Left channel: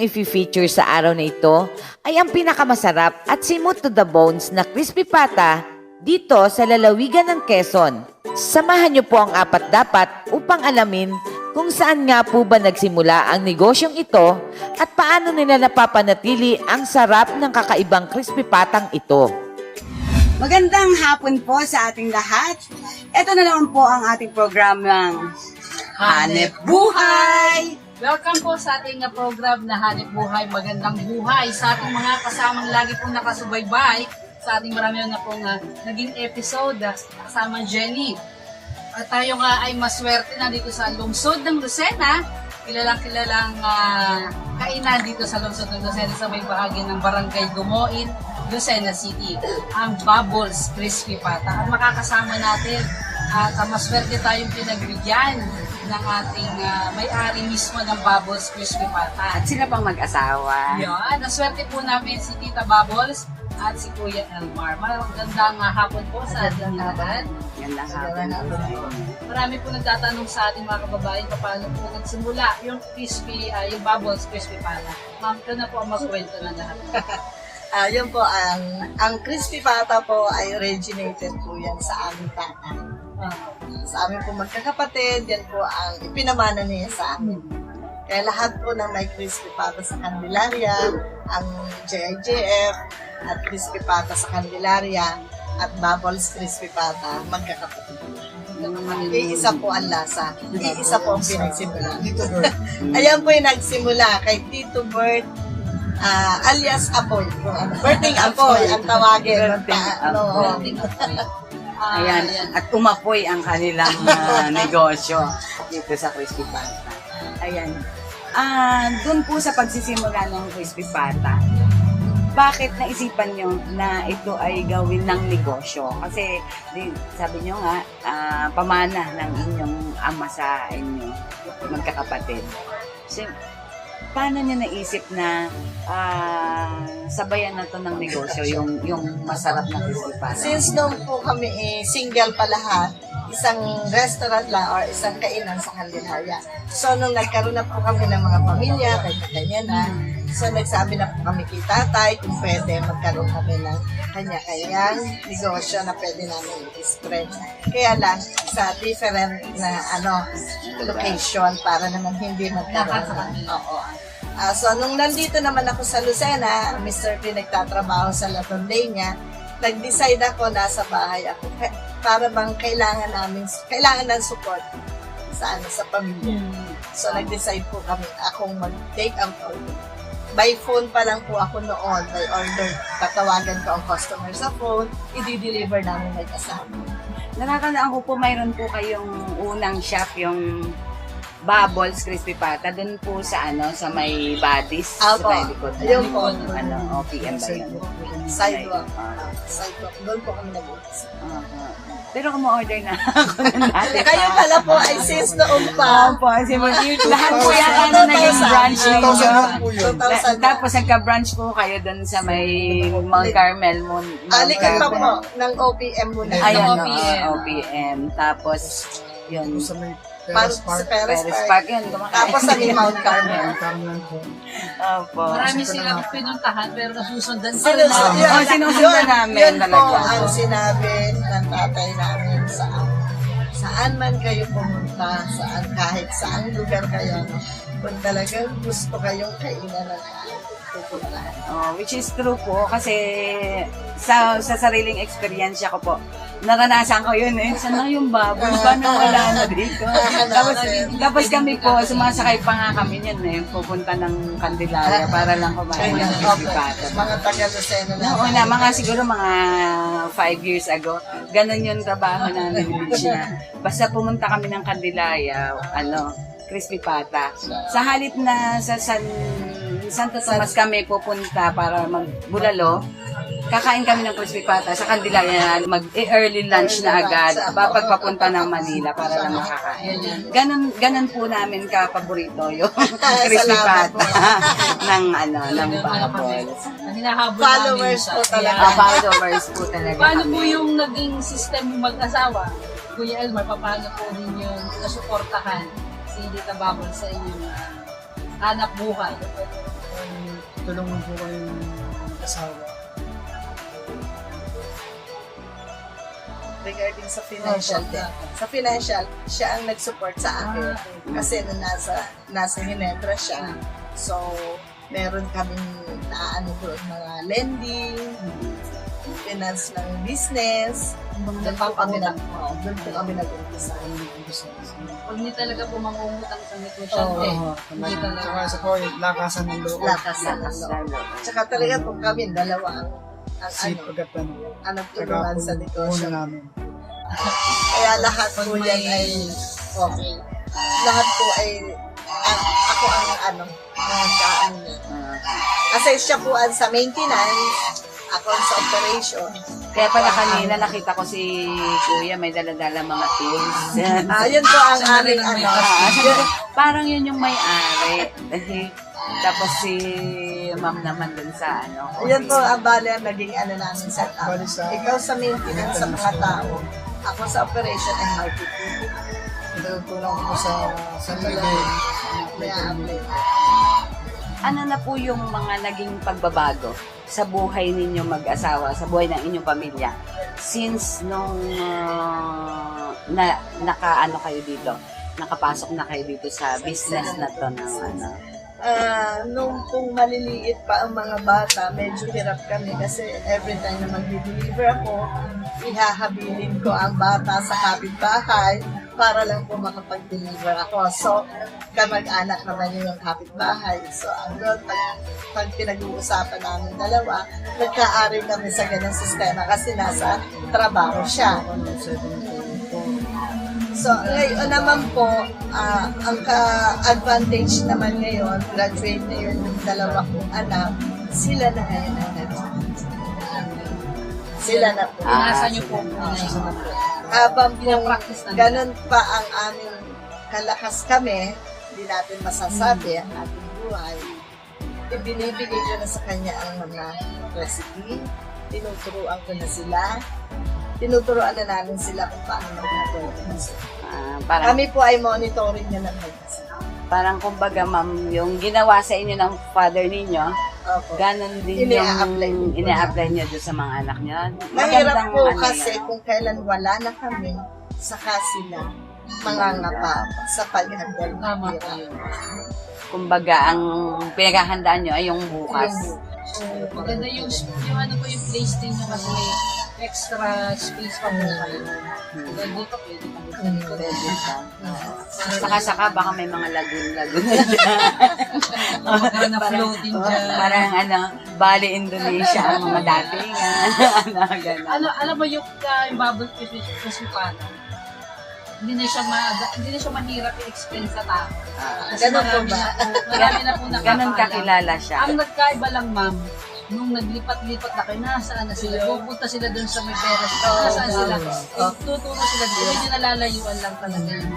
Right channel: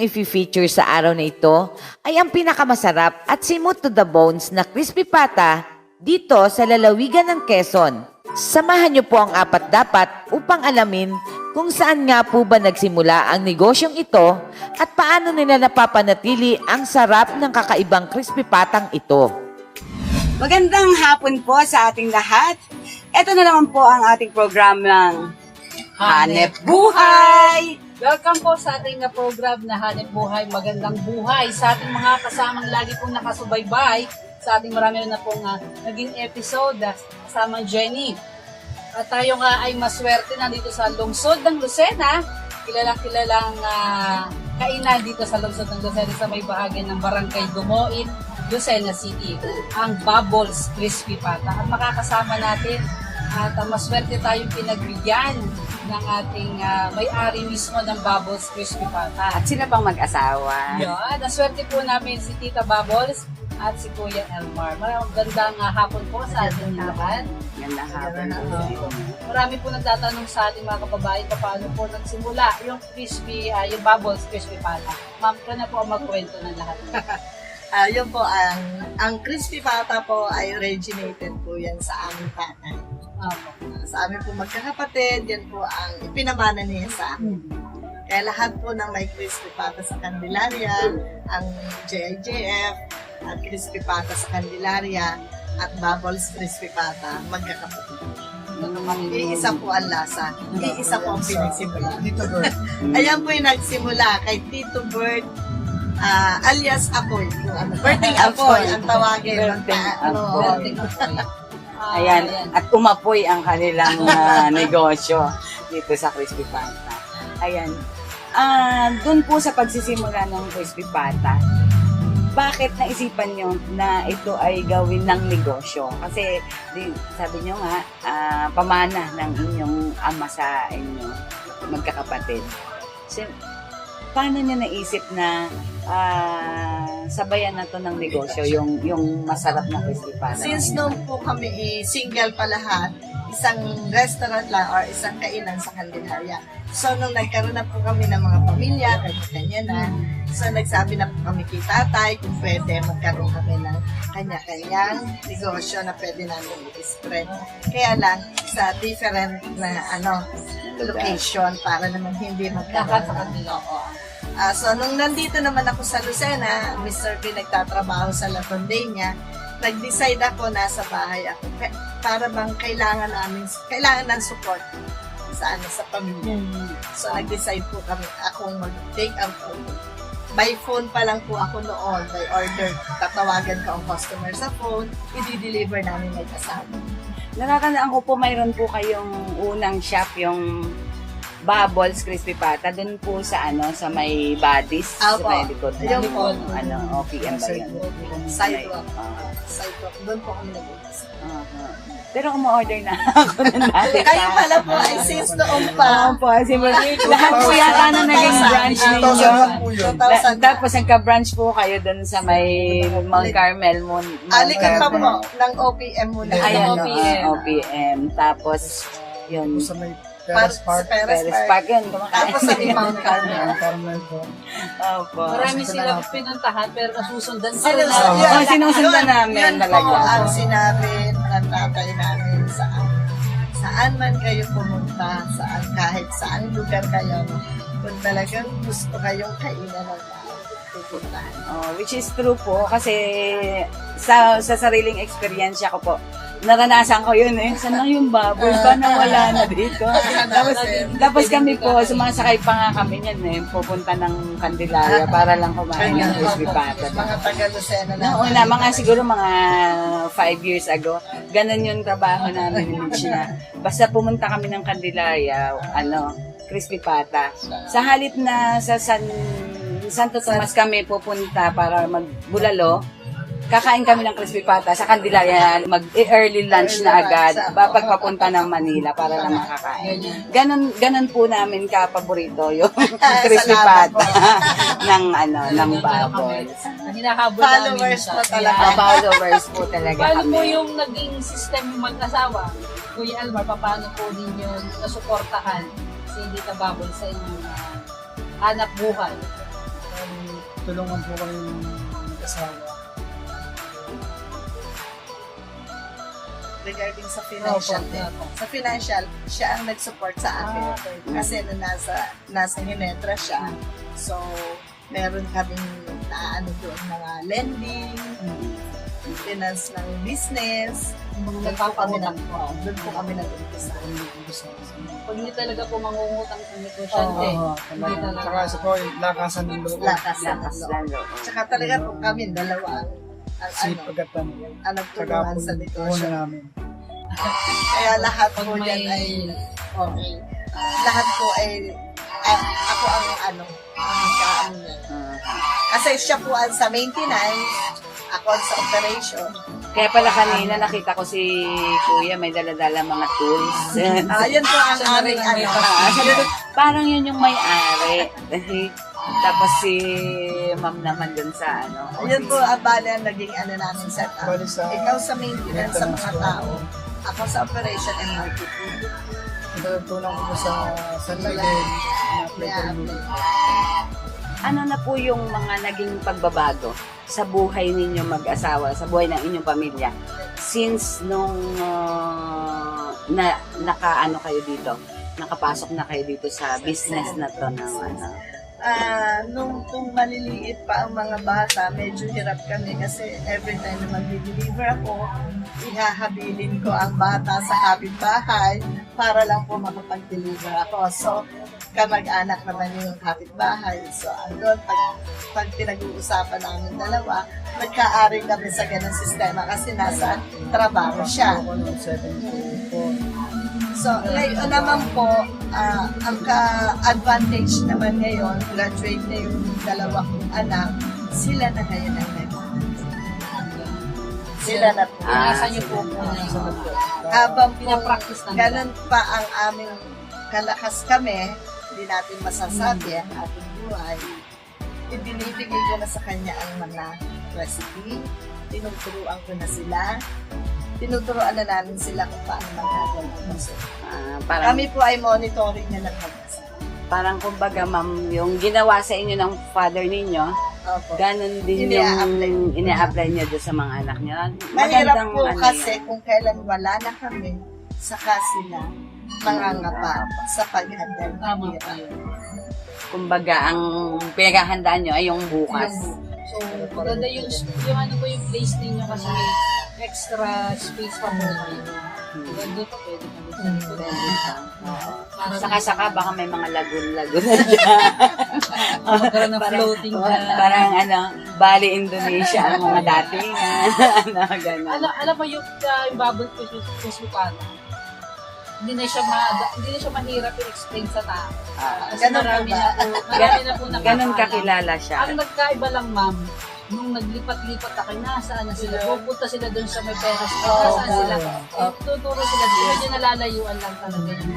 kong i-feature sa araw na ito ay ang pinakamasarap at simot to the bones na crispy pata dito sa lalawigan ng Quezon. Samahan niyo po ang apat dapat upang alamin kung saan nga po ba nagsimula ang negosyong ito at paano nila napapanatili ang sarap ng kakaibang crispy patang ito. Magandang hapon po sa ating lahat. Ito na naman po ang ating programang Hanep Buhay! Welcome po sa ating program na Hanep Buhay, Magandang Buhay. Sa ating mga kasamang lagi pong nakasubaybay, sa ating marami na pong naging episode, kasamang Jenny. At tayo nga ay maswerte na dito sa lungsod ng Lucena. Kilalang kainan dito sa lungsod ng Lucena sa may bahagi ng Barangay Dumoin, Lucena City, ang Bubbles Crispy Pata. At makakasama natin at maswerte tayong pinagbigyan ng ating may-ari mismo ng Bubbles Crispy Pata. At sila pang mag-asawa. Yun, naswerte po namin si Tita Bubbles at si Kuya Elmar. Magandang hapon po sa ating lahat. Magandang hapon po sa inyo. Marami po nagtatanong sa ating mga kababayan paano po nagsimula yung crispy, yung Bubbles Crispy Pata. Ma'am, ito na po ang magkwento na lahat. Yun po, ang crispy pata po ay originated po yan sa aming tatay. Sa amin po magkakapatid, yan po ang ipinamana niya sa amin. Kaya lahat po ng may crispy pata sa Candelaria, ang JIJF at crispy pata sa Candelaria at Bubbles crispy pata, magkakapatid. Iisa po ang lasa. Iisa po ang pinagsimula. Ayan po yung nagsimula kay Tito Bert, alias Apoy. Berting Apoy ang tawagin. Ayan, at umapoy ang kanilang negosyo dito sa Crispy Pata. Ayan. Doon po sa pagsisimula ng Crispy Pata, bakit naisipan nyo na ito ay gawin ng negosyo? Kasi sabi nyo nga, pamana ng inyong ama sa inyo, magkakapatid. So, paano nyo naisip na sabayan na to ng negosyo, yung masarap na crispy pata? Since nung po kami single pa lahat, isang restaurant lang or isang kainan sa Candelaria. So nung nagkaroon na po kami ng mga pamilya, kanya-kanya na, so nagsabi na po kami kay tatay kung pwede magkaroon kami ng kanya-kanyang negosyo na pwede namin i-spread. Kaya lang sa different na location para naman hindi magkaroon. So, nung nandito naman ako sa Lucena, Mr. P nagtatrabaho sa La Tondena, nag-decide ako, nasa bahay ako, para bang kailangan ng support sa pamilya. So, nag-decide po kami, akong mag-take out order. By phone pa lang po ako noon, by order, tatawagan ko ang customer sa phone, i-deliver namin may kasama. Nakakandaan ko po, mayroon po kayong unang shop, yung Bubbles Crispy Pata, dun po sa sa may Badis, sa may likod Ayun ng po. OPM ba yun? Sidewalk. Sidewalk. Doon po kami nag-umpisa. Pero kumo-order na ako ng dati pa. Kayo pala po ay since noon pa. Opo, lahat po yata na naging branch ninyo. 2000. Tapos nagka-branch po kayo dun sa may Mount Carmel. Alikan pa po ng OPM muna. Ayan, OPM. OPM. Tapos, yun. Sa may Paris Perez Park yun, kumakain. Tapos sa may Mount Carmel. Carmen po. Opo. Marami silang pinuntahan pero nasusundan pa rin. Sinusundan namin yun talaga. po ang sinabi ng tatay namin saan man kayo pumunta, kahit saan lugar kayo, kung talagang gusto kayong kainan ng pupuntahan. Which is true po kasi sa sariling experience ko po, naranasan ko yun Saan lang yung baboy? Paano wala na dito? tapos kami po, sumasakay pa nga kami niyan pupunta ng Candelaria para lang kumain ng crispy pata. Mga taga-Lucena na. Noong una, siguro mga 5 years ago, ganun yung trabaho namin ni Lichina. Basta pumunta kami ng Candelaria, crispy pata. Sa halip na sa Santo Tomas kami pupunta para magbulalo, kakain kami ng crispy pata sa Candelaria, mag-early lunch na agad pagpapunta ng Manila para lang makakain. Ganon po namin kapaborito yung crispy pata ng Bubbles. Hinahabol Followers namin po siya. talaga. Followers po talaga Paano po kami. yung naging system yung mag-asawa? Kuya Elmar, paano po din yung nasuportahan si Tita Bubble sa inyong hanap buhay? Tulungan po kami ng mag-asawa. Regarding sa financial din. Sa financial, siya ang nag-support sa akin. Kasi nasa Ginebra siya. So, meron kaming naano doon mga lending, finance ng business. Doon po kami nag-umpisa. Pag hindi talaga po mangungutang sa negosyante, hindi talaga. Tsaka isa po, lakasan ng loob. Lakas ng loob. Tsaka talaga po kami dalawa ang Sipag at ano. ang Tsaka nagtulungan po sa una negosyo. namin. Kaya lahat Pag po may- yan ay okay. Lahat po ay ako ang ang kaano niya. Kasi siya po ang sa maintenance, ako ang sa operation. Kaya pala kanina nakita ko si Kuya may dala-dala mga tools. Yun po ang aming ano. Sabi ko, parang yun yung may-ari. Tapos si ma'am naman dun sa ano. Yun po ang bale ang naging ano namin set up. Bali sa- Ikaw sa maintenance sa mga tao, ako sa operation and marketing. Natutulong ko po sa San Miguel. Na-apply ko rin dito. Ano na po yung mga naging pagbabago sa buhay ninyo mag-asawa, sa buhay ng inyong pamilya? Since nung nakaano kayo dito, nakapasok na kayo dito sa business na to ng ano. Nung maliliit pa ang mga bata, medyo hirap kami kasi every time na mag-deliver ako, ihahabilin ko ang bata sa kapitbahay para lang po makapag-deliver ako. So, kamag-anak naman yung kapitbahay. So, hanggang pag pinag-uusapan namin dalawa, nagka-ari kami sa ganang sistema kasi nasa trabaho siya. Ako ng 7 So, ngayon naman po, ang ka-advantage naman ngayon, graduate na yung dalawa kong anak, sila na ngayon ang Sila na po. Nasaan niyo po? Habang po, Pinapractice na nila. ganun pa ang aming kalakas kami, hindi natin masasabi ang ating buhay, ibinibigay ko na sa kanya ang mga recipe, tinuturuan ko na sila, tinuturuan na namin sila kung paano magagawa. Parang, Kami po ay monitoring na lang mag-isa. parang kumbaga ma'am, yung ginawa sa inyo ng father ninyo, Opo. ganon din Ine-apply. yung ine-apply nyo doon sa mga anak nyo. Mahirap po ano kasi yan. kung kailan wala na kami, saka sila mangangapa sa paghandal ng Tama hirap. po yun. Kumbaga, ang pinaghahandaan nyo ay yung bukas. So, maganda yung ano po yung place ninyo kasi may extra space pa po kayo. Dito pwede pa dito sa likod. Saka-saka baka may mga lagun-lagun na dyan. Magkaroon na floating dyan. Parang ano, Bali, Indonesia ang mga datingan. ano, gano'n. Alam mo yung bubble fish pana, hindi na siya mahirap i-explain sa tao. Kasi Ganun po ba? Marami na po nakakaalam. Ganon kakilala siya. Ang nagkaiba lang, ma'am, nung naglipat-lipat na kayo, nasaan na sila? Pupunta sila doon sa may peras. Nasaan sila? Tuturo sila doon. Medyo nalalayuan lang talaga yun.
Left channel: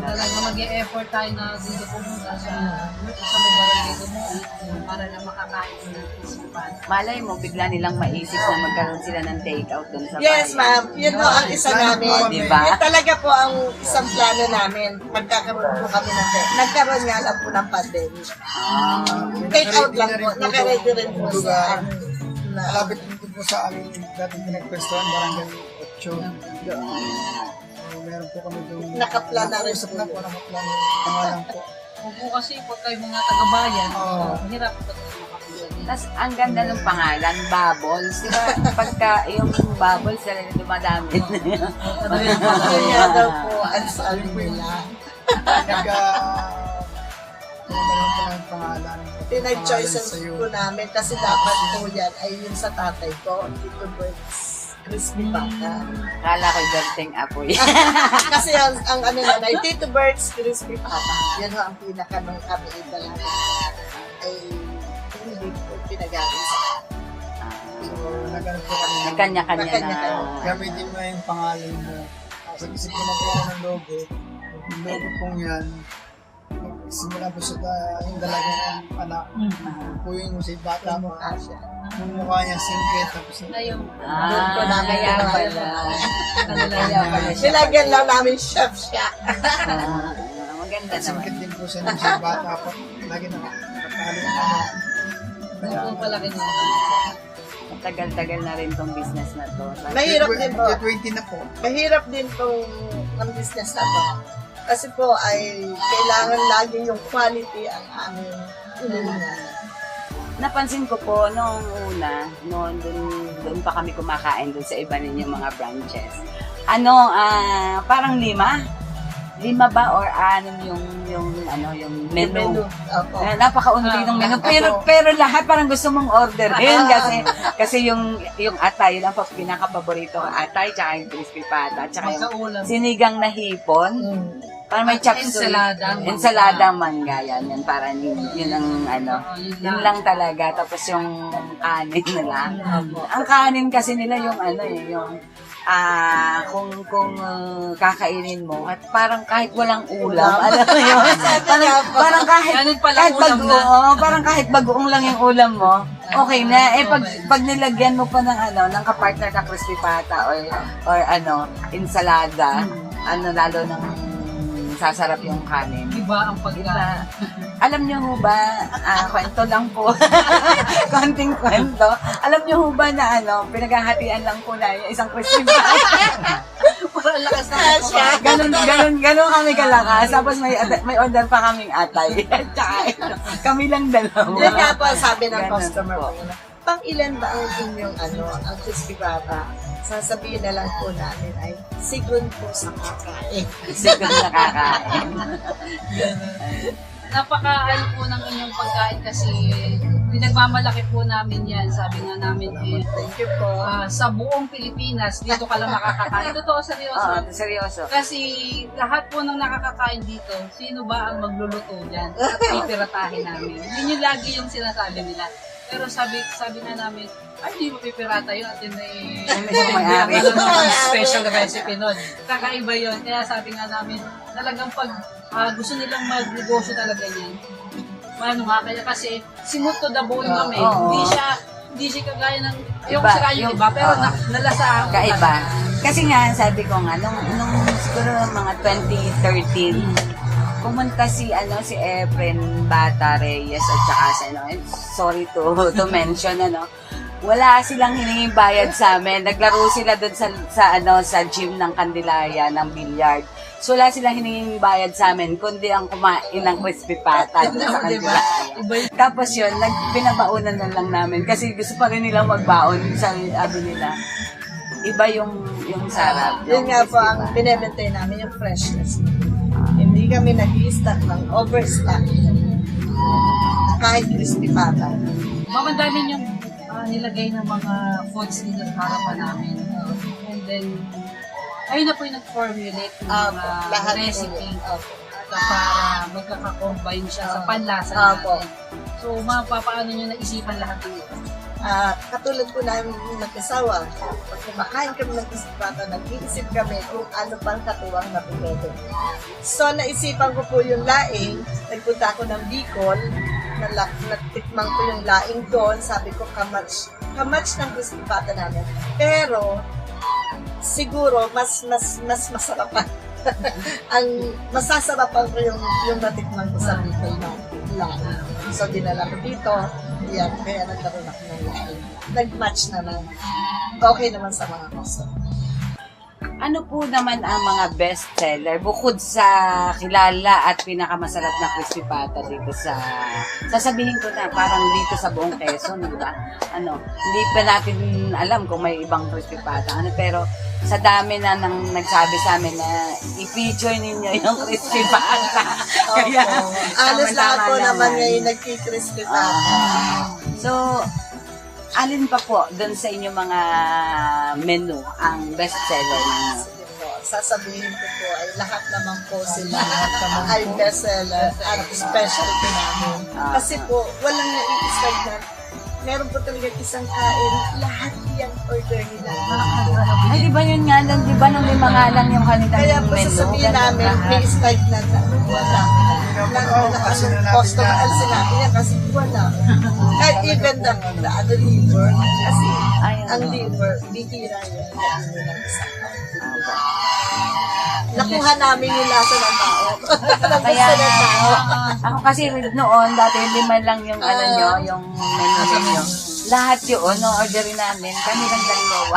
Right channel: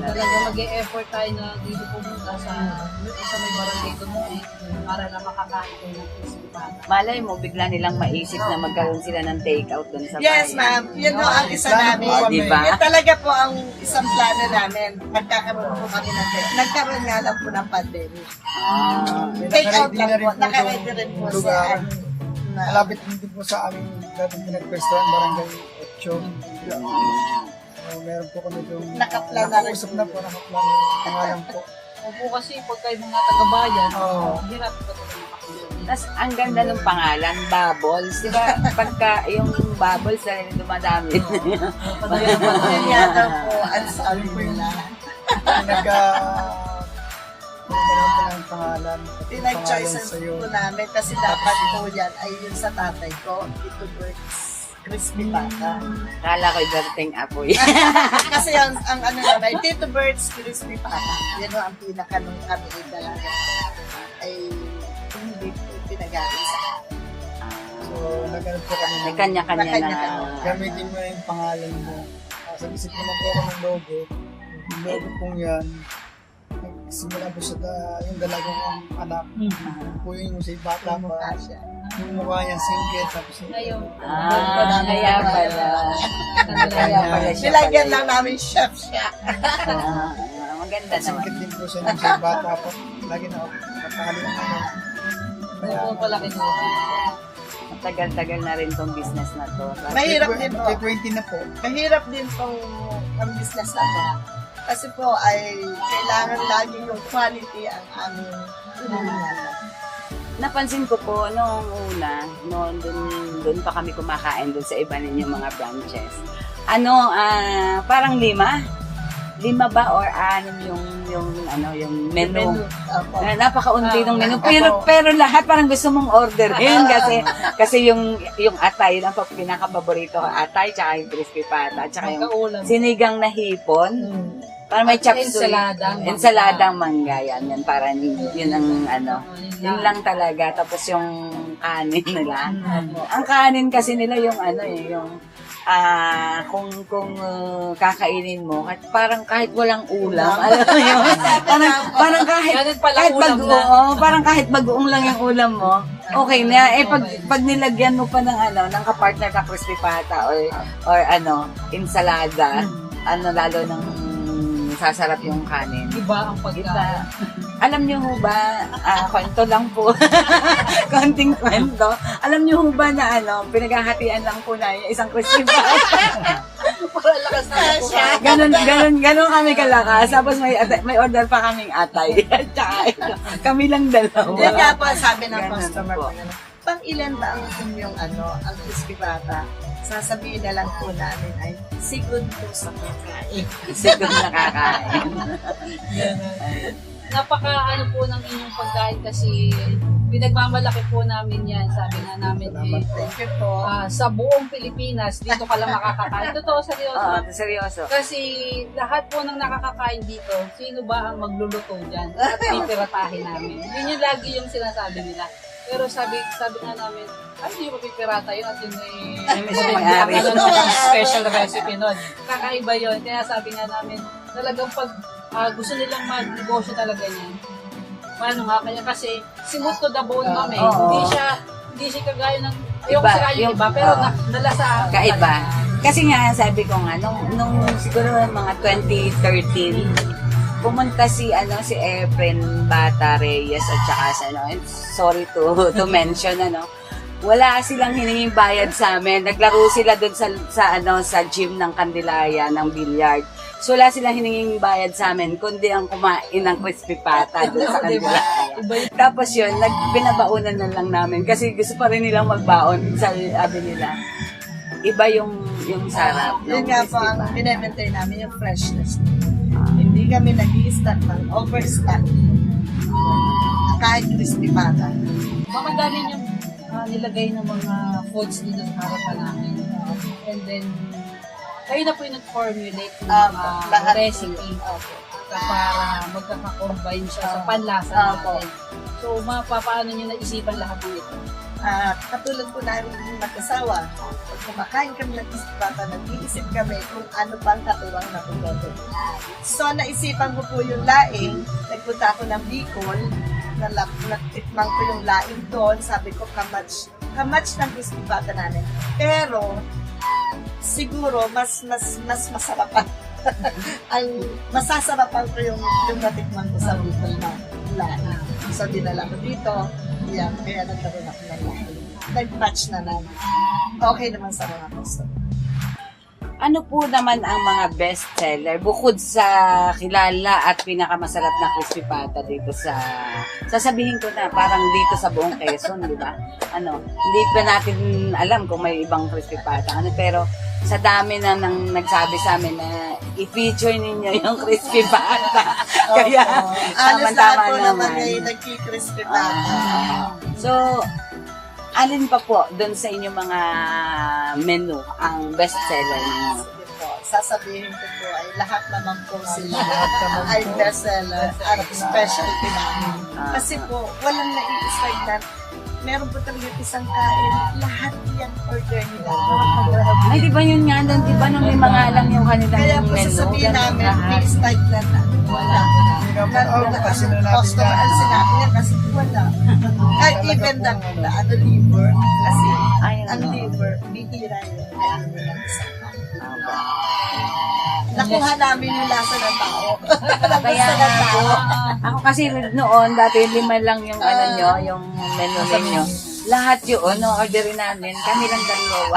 Talaga mag-e-effort tayo na dito pumunta sa may barangay Dumugi para lang makakain ko ng crispy pata. Malay mo, bigla nilang maisip na magkaroon sila ng take-out dun sa Yes, bayan. ma'am. Yun po ang isa namin. Diba? Yun talaga po ang isang plano namin. Pagkakaroon po kami ng nagkaroon nga lang po ng pandemic. Take out lang po. Nakaready rin po sa lugar. na Malapit din po sa aming dating pinagpwestuhan, barangay 8. Meron po kami doon. Nakaplan na rin Nakausap po na yun. po, nakaplan. Pangalan po. Opo kasi pag kayo mga taga-bayan, Oo. hirap ko makapagod. Tapos, ang ganda ng pangalan, Bubbles. Di ba, pagka yung Bubbles na rin dumadami. yun nga daw po ang sabi nila. Pinagmeron po ng pangalan. Pinag-choices Pangalan sa'yo. po namin kasi dapat po yan ay yun sa tatay ko, Tito Bert's Crispy Pata. Kala ko'y dating apoy. Kasi ang ano na, ay Tito Bert's Crispy Pata. Yan ho ang pinaka nung kami dalaga ay hindi po pinagamit sa So, nagkaroon po kami. Nagkanya-kanya na. Nagkanya-kanya. Gamitin mo yung pangalan mo. Isip naman po ako ng logo. Yung logo pong yan, simula po sa yung dalaga kong anak. Po yun yung sa bata pa. mukha siya. Yung mukha niya singkit. Tapos Ayun. Kaya pala. Kaya pala siya. Nilagyan lang namin chef siya. Maganda At naman. singkit din po siya ng siya bata po. Lagi na nakatali ng ano. Opo, palaki na. Matagal-tagal na rin tong business na to. Mahirap din po. 20 na po. Mahirap din tong ang business na to. Kasi po ay kailangan lagi yung quality ang aming inihingan. Napansin ko po noong una, noon doon pa kami kumakain doon sa iba ninyong mga branches. Parang 5 ba or 6 yung menu. Opo. Napakaunti ng menu. Pero lahat parang gusto mong orderin kasi yung atay, yun ang pinaka-paborito ko, atay, tsaka yung crispy pata, tsaka yung Magkaulam. sinigang na hipon. Parang may chop suey. Ensaladang mangga yan. Yan parang yun ang yun lang talaga. Tapos yung kanin nila. Ang kanin kasi nila yung kung kakainin mo, parang kahit walang ulam, alam mo yun? Parang Ganun pala ulam na. parang kahit bagoong lang yung ulam mo, okay na. Pag nilagyan mo pa ng kapartner na crispy pata or ensalada, lalo ng sasarap yung kanin. Iba ang pagkain. Iba. Alam niyo ho ba, kwento lang po, konting kwento. Alam niyo ho ba na pinaghahatian lang po na yung isang crispy pata. Para lakas na. Ganon kami kalakas. Tapos may order pa kaming atay. Tsaka kami lang dalawa. Yan nga po ang sabi ng Ganun customer po. po. Pang ilan ba ang inyong ang crispy pata? Sasabihin na lang po namin ay sigun po sa kakain. Siguro nakakain. Napaka po ng inyong pagkain kasi pinagmamalaki po namin yan. Sabi nga namin Thank you po. sa buong Pilipinas, dito ka lang makakakain. Totoo, seryoso. Oo, seryoso. Kasi lahat po ng nakakakain dito, sino ba ang magluluto niyan? At pipiratahin namin. Yun yung lagi yung sinasabi nila. Pero sabi nga namin, ay, hindi mo pipirata yun at yun Yung mismo may-ari. special recipe nun. Kakaiba yun. Kaya sabi nga namin, talagang pag gusto nilang mag-negosyo talaga niyan. Paano nga kaya kasi simot to the bone kami. Oo. Hindi siya kagaya ng Iba, sa kanya yung- iba, pero oo. nalasahan ko Kaiba. talaga. Kasi nga, sabi ko nga, nung siguro mga 2013, pumunta si Efren Bata Reyes at saka and sorry to mention, wala silang hininging bayad sa amin. Naglaro sila doon sa gym ng Candelaria, ng billiard. So, wala silang hininging bayad sa amin, kundi ang kumain ng crispy pata doon sa Candelaria. Tapos yun, pinabaunan na lang namin kasi gusto pa rin nilang magbaon, sabi nila. Iba yung sarap. Yun nga po ang binibentay namin, yung freshness. Hindi kami nag-i-stock ng overstock. Kahit crispy pata. Mamadamin yung nilagay ng mga foods dito sa harapan namin. And then, kayo na po yung nag-formulate ng Lahat po recipe yun. Opo. para magkaka-combine siya sa panlasa Opo. natin. So, paano nyo naisipan lahat ng ito? Katulad po namin mag-asawa, pag kumakain kami ng crispy pata, nag-iisip kami kung ano pang katuwang na pwede. So, naisipan ko po yung laing. Nagpunta ako ng Bicol, natikman ko yung laing doon. Sabi ko, kamatch ng crispy pata namin. Pero, siguro, mas masarap pa. Ang masasarapan ko yung natikman ko sa Bicol na laing. So, dinala ko dito. Yan, kaya nagkaroon ako ng laing. Nag-match na lang. Okay naman sa mga customer. Ano po naman ang mga best seller bukod sa kilala at pinakamasarap na crispy pata dito sasabihin ko na parang dito sa buong Quezon, di ba? Hindi pa natin alam kung may ibang crispy pata. Pero sa dami na nang nagsabi sa amin na i-feature ninyo yung crispy pata. Kaya Alas lahat tama-tama po naman naman. ngayon nagki-crispy pata. So, alin pa po doon sa inyong mga menu ang best seller ninyo? Sige po, sasabihin ko po ay lahat naman po sila ay bestseller at specialty namin. Kasi po, walang nai-strike. Meron po talaga isang kain, lahat yung order nila. Ay, di ba yun nga doon? Di ba nung may mga alam yung kanilang Kaya po menu? sasabihin Ganun namin, lahat. may strike na wala. Kasi na natin Customer, yan. sinabi niya kasi wala. Kahit even the liver, kasi Ayun, ang oo. liver, bihira yan. Kaya ano lang isang Nakuha namin yung lasa ng tao. Kaya nga po. Ako kasi noon, dati 5 lang yung ano nyo, yung menu ninyo. Lahat yun, no-orderin namin. Kami lang dalawa.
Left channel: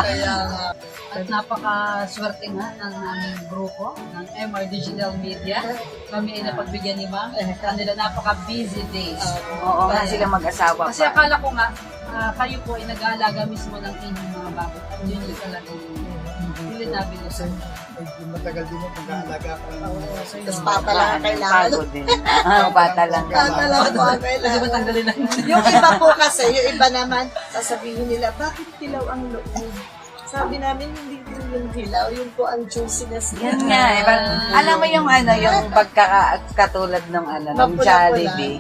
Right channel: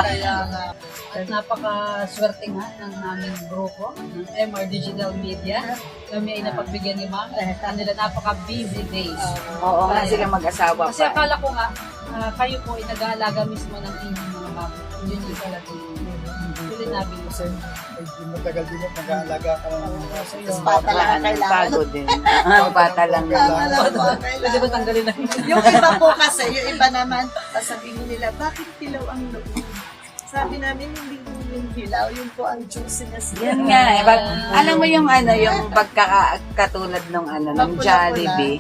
At napaka-swerte nga ng aming grupo, ng MR Digital Media. Kami ay napagbigyan ni Ma'am sa kanila napaka-busy days. Oo nga, silang mag-asawa Kasi pa. akala ko nga, kayo po ay nag-aalaga mismo ng inyong mga bago. Yun yung talagang hindi namin Kasi medyo matagal din mo mag-aalaga ka lang. Tapos pata lang ang kailangan. Pagod din. Pata lang. Pata lang po ang Pwede ba kailangan. tanggalin ang Yung iba po kasi, yung iba naman, sasabihin nila, bakit dilaw ang loob? Sabi namin, hindi po yung dilaw, yun po ang juiciness. Yan nga, eh. Alam mo yung ano, yung pagkakatulad ng ano, ng Mapula-pula. Jollibee,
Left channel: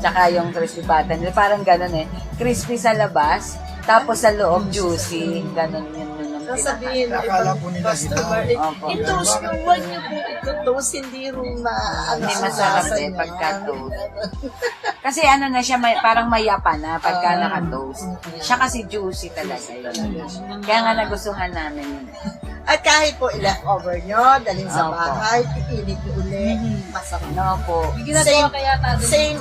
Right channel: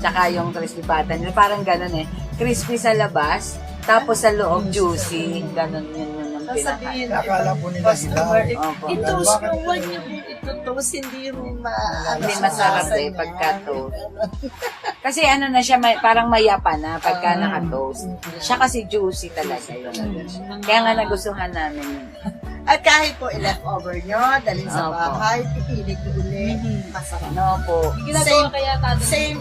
tsaka yung crispy pata nila, parang ganun eh. Crispy sa labas, tapos sa loob juicy, ganun yun yung Tapos pinaka. sabihin, Akala po nila customer, Opo. i-toast nyo, huwag nyo po ito-toast, hindi rin Hindi masarap eh, pagka-toast. Kasi ano na siya, parang mayapa na pagka naka-toast. Siya kasi juicy talaga yun. Kaya nga nagustuhan namin yun. At kahit po i-leftover nyo, dalhin sa Opo. bahay, iinit nyo uli, masarap. No po. ginagawa kaya tayo. Same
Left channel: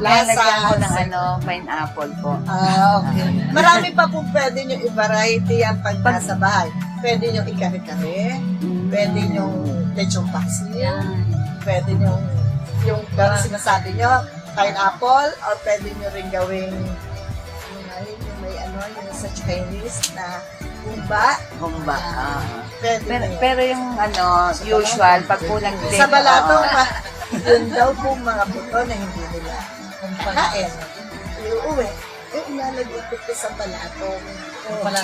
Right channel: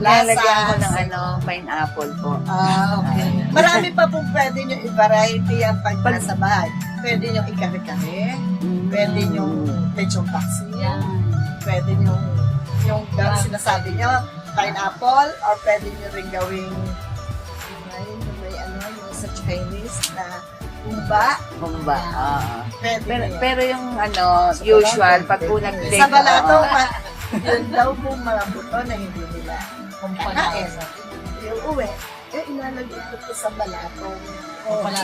Lalagyan ko lasa. ng ano, pineapple po. Okay. Marami pa po pwede nyo i-variety yan pag nasa bahay. Pwede nyo i-kare-kare, pwede nyo lechong paksiw, pwede nyo yung sinasabi nyo, pineapple, or pwede nyo rin gawing yung may ano, yung sa Chinese na humba, Humba. pwede Pero, nyo yan. pero yung ano, usual, pag po nag-date Sa balatong, oo. yun daw po mga buto na hindi nila kain. Yung uwi, ilalagay ko sa balatong. Oh. Pala.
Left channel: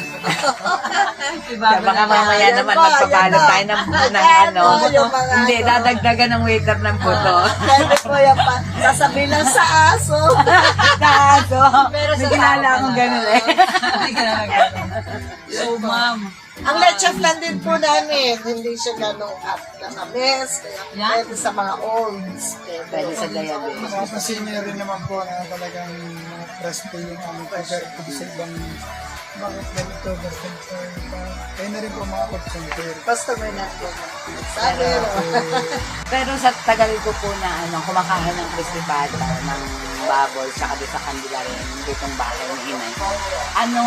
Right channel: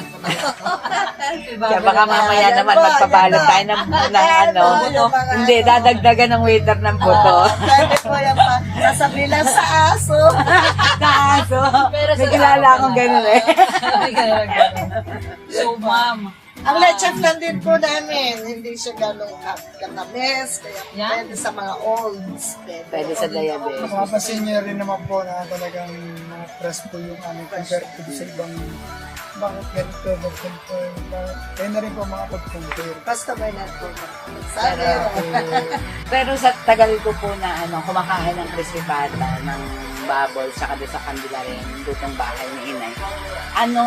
Kaya baka mamaya Yan naman po, magpabalot yan tayo po. ng Ayan ano. po, yung mga Hindi, ano. dadagdagan ng waiter ng buto. Pwede po yan pa. Sasabihin lang sa aso. Kaso, may kilala akong gano'n eh. So, ma'am, Ang leche flan din po namin, hindi siya ganong katamis, kaya Yan. pwede sa mga olds. Pwede sa diabetes. Mapapansin niyo rin naman po na talagang mga fresh po yung ano, compared to sa ibang bakit ganito, bakit ganito. Kaya na rin po makapag-compare. Customer na po. Sabi Pero- Pero sa tagal ko po na ano, kumakain ng crispy pata, ng bubble, saka doon sa Candelaria, yung lutong bahay ni Inay. Ano,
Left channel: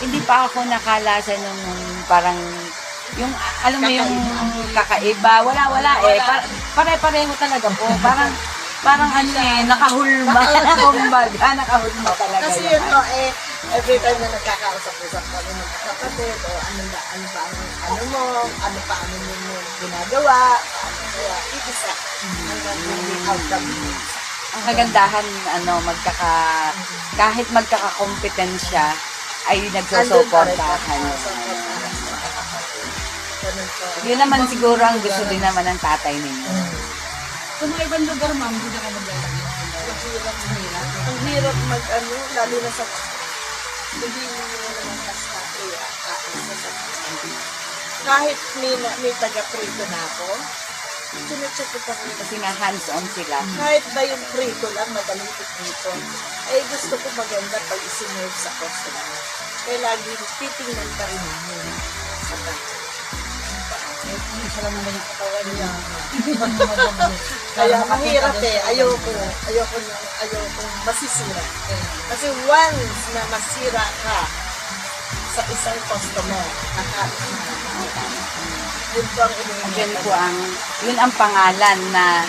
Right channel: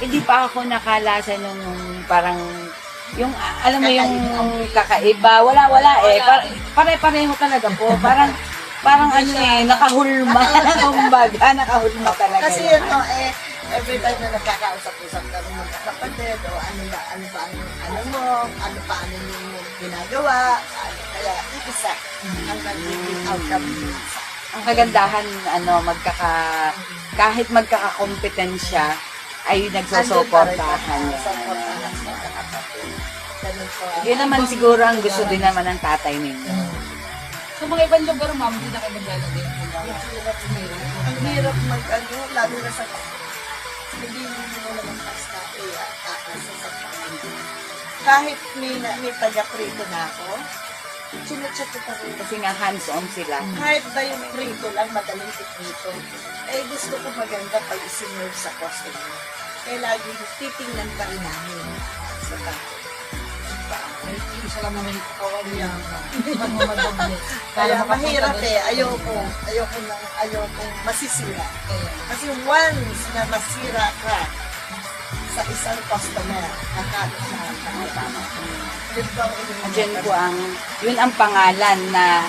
hindi pa ako nakalasa nung parang, yung, alam mo yung kakaiba, wala eh. Pare-pareho talaga po. Parang ano eh, nakahulma. Kumbaga, nakahulma talaga. Kasi yung yun po, every time na nagkakausap-usap kami magkakapatid, o ano ba ang ano pa ano mo ginagawa, kaya isa ang naging outcome mo. ang kagandahan, ano, kahit magkakakompetensya, ay nagsusuportahan yun. Ganun po. Yun naman siguro ang gusto din naman ng tatay ninyo. sa mga ibang lugar, ma'am, hindi na kayo maglalagay. Ang hirap mag-ano, lalo na sa hindi mo wala ng pasta, aasa sa kahit may taga-prito na ako, chinachat ko pa rin. Kasi nga hands-on sila. Kahit ba yung prito lang, madaling prito, gusto ko maganda pag isinerve sa customer. Kaya lagi titingnan pa rin namin sa tato. Isa lang naman yung katawan niya. Kaya mahirap ayokong masisira. Kasi once na masira ka sa isang customer, nakalit na ang yun po ang Diyan po yun ang pangalan na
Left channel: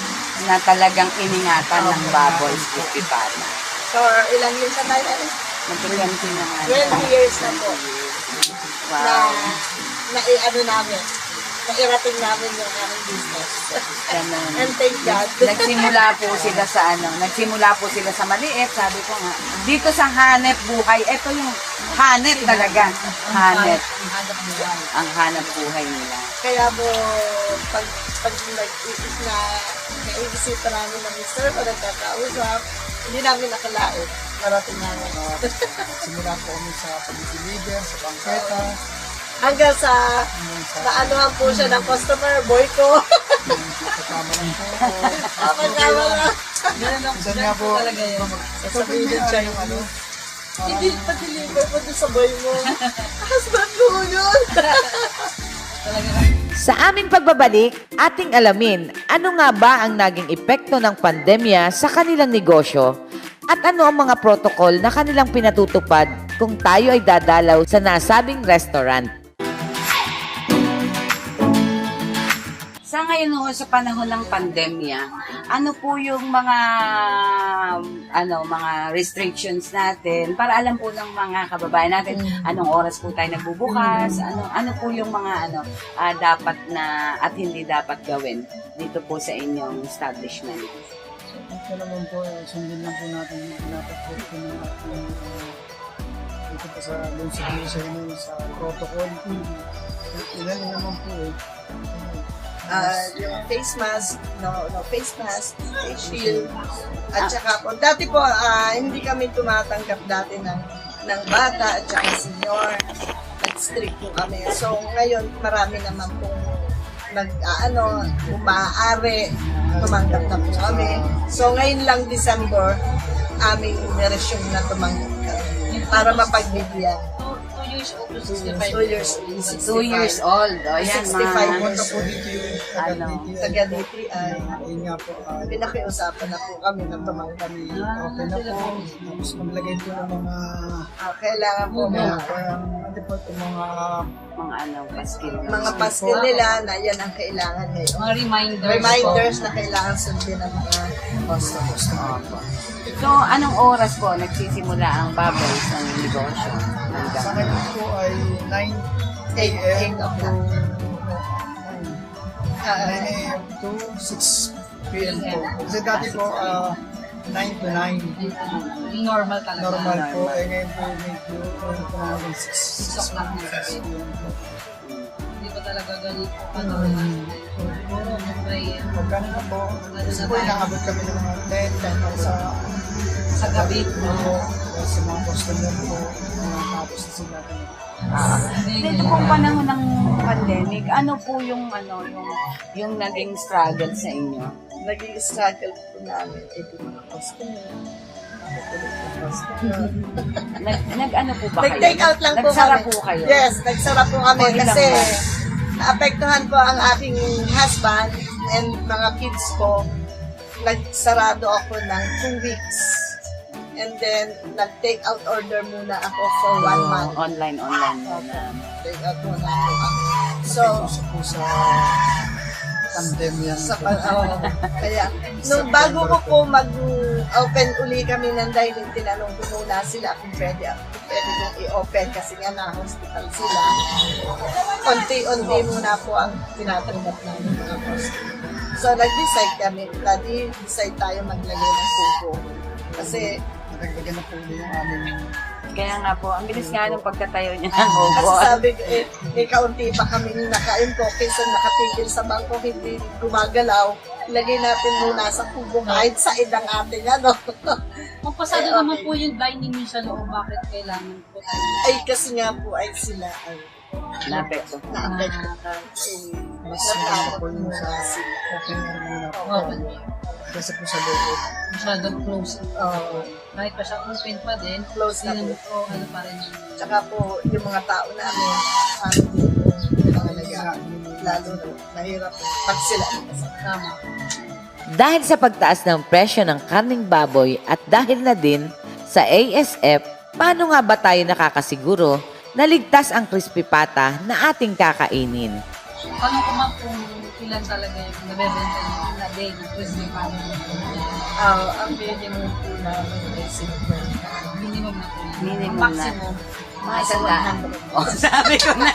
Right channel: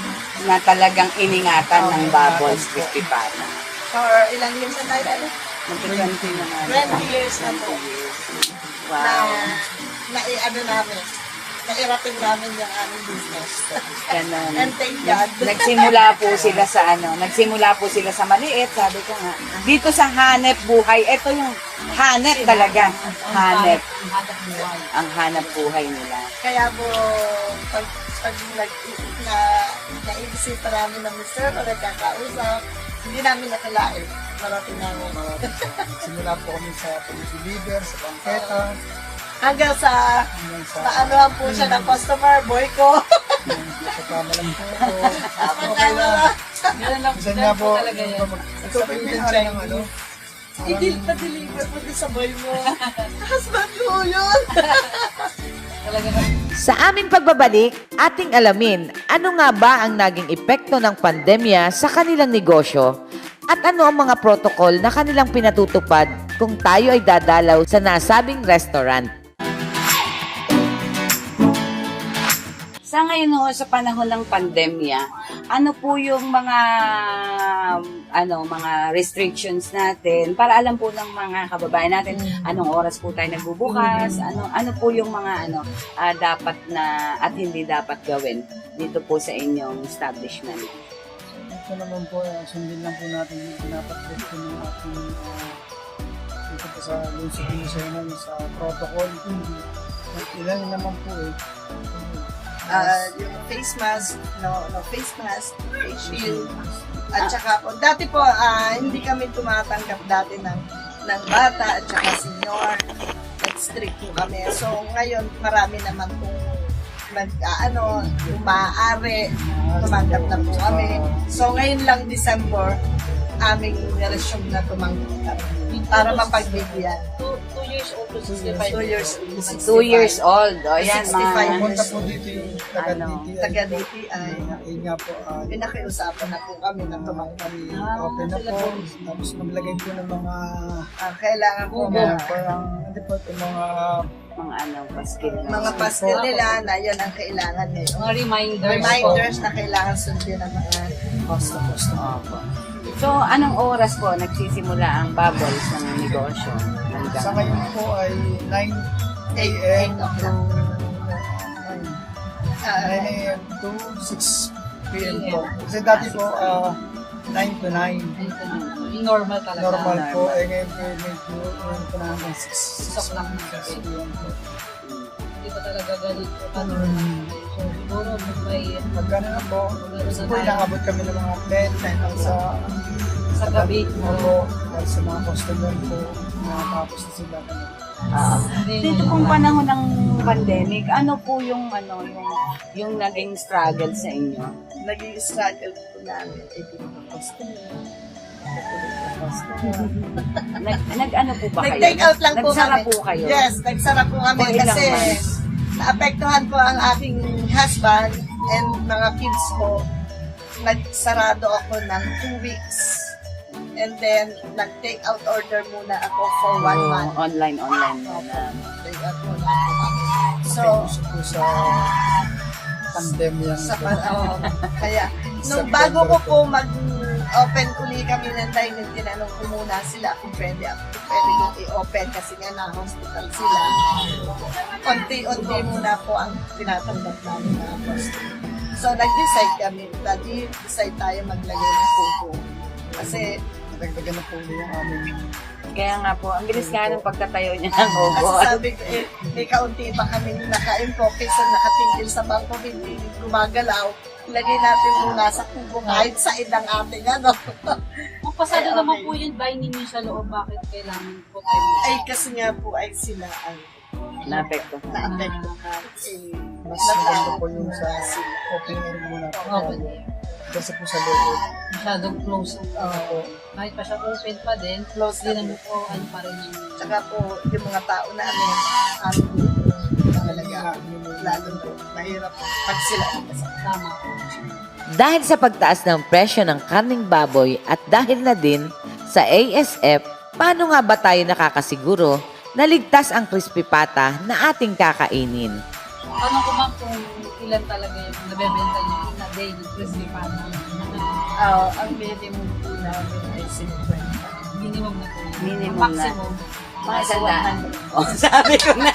talagang iningatan ng Bubbles Crispy Pata. For ilang years na tayo natin? Magpapalante na nga. 20 years na po. Wow. Nairating namin yung aming business. Ganun. And thank God. Nagsimula po sila sa maliit, sabi ko nga. Dito sa hanep buhay, ito yung hanep talaga. Hanep. Ang hanap buhay. Ang hanap buhay nila. Kaya po, pag naiisipan namin ng mister o nagkakausap, hindi namin nakalain. Marating namin. Simula po kami sa pag-deliver, sa bangketa, Hanggang sa hanggang sa maanuhan po siya ng customer, boy ko. kasama lang po ako. Tama-tama lang. Ganun lang Minsan nga po, talaga yan. ito po yung may ng ano, Pa-deliver po doon sa boy mo. Husband ko yun. Talaga Sa aming pagbabalik, ating alamin ano nga ba ang naging epekto ng pandemya sa kanilang negosyo at ano ang mga protocol na kanilang pinatutupad kung tayo ay dadalaw sa nasabing restaurant. Sa ngayon ho, sa panahon ng pandemya, ano po yung mga mga restrictions natin para alam po ng mga kababayan natin anong oras po tayo nagbubukas, ano po yung mga dapat na at hindi dapat gawin dito po sa inyong establishment. So, ito naman po, sundin lang po natin yung pinapapost po ng ating dito po sa Lungsod Lucena sa protocol. Ilan naman po Yung face mask, no face mask, face shield, at saka po, dati po, hindi kami tumatanggap dati ng bata at saka senior. Nag-strict po kami. So, ngayon, marami naman po maaari, tumanggap na po kami. So, ngayon lang December, aming niresume na tumanggap kami para mapagbigyan. 2 years old to 65. 2 years old. 2 years old. O yan, 65 mga... pumunta po dito yung taga-DTI. Taga-DTI. Ayun nga po, Pinakiusapan na po kami na tumanggap. open na po. Tapos maglagay po ng mga Kailangan po parang ano po itong mga paskil. mga paskil nila na yan ang kailangan ngayon. Mga reminders. Reminders na kailangan sundin ng mga customer. Opo. So, anong oras po nagsisimula ang bubbles ng negosyo? sa ngayon po ay 9 a.m. to 9 a.m. to 6 p.m. po. Kasi dati po 9 to 9. Normal talaga. Normal po. Normal. Ngayon po medyo ngayon po naman 6 o'clock na. 6 p.m. po. Hindi ba talaga ganun po? So, siguro may Magkano na po? Kasi po inaabot kami ng mga 10 sa gabi. po. Dahil sa mga customer po, nakakapos na sila. Dito pong panahon ng pandemic, ano po yung naging struggle sa inyo? Naging struggle po namin, di mga customer. Customer. Nag-ano po ba kayo? Nag-take out lang po Nagsara kami. po kayo? Yes, nagsara po kami For ilang kasi months? naapektuhan po ang aking husband and mga kids ko. Nagsarado ako ng 2 weeks. And then, nag-take out order muna ako for 1 month. Online muna. Take out muna ako kami. So, Uso po sa pandemya. kaya, nung bago ko po mag-open uli kami ng dining, tinanong ko muna sila kung pwede kong i-open kasi nga na-hospital sila. Unti-unti muna po ang tinatanggap namin mga customer. So, nag-decide kami, decide tayo maglagay ng tubo. Kasi, Nadagdagan na po yung aming Kaya nga po, ang bilis nga nung pagkatayo niya ng kasi obo. sabi ko, may kaunti pa kami nakain ko kaysa nakatigil sa bangko, hindi gumagalaw. Ilagay natin muna sa kubo kahit sa idang ating Magpasado Okay. naman po yung dining niyo sa loob. Bakit kailangan po tayo? Ay, kasi nga po ay sila ay Napekto. na-apektuhan. mas maganda po yung sa open air muna po. Open. Kasi po sa loob. Masyadong close. Oo. Kahit pa siya open pa din, Close na hindi po. naman po ano pa rin yung... Tsaka po, yung mga tao namin, amin dito, talaga, lalo mahirap pag sila Tama. Dahil sa pagtaas ng presyo ng karning baboy at dahil na din sa ASF, paano nga ba tayo nakakasiguro na ligtas ang crispy pata na ating kakainin? Tanong ko ma'am kung ilan talaga yung nabebenta niyo na daily crispy pata. ang minimum po namin ay 50. Minimum na po yun. Minimum Ang na. maximum. Mga sandaan. Oh, sabi ko na.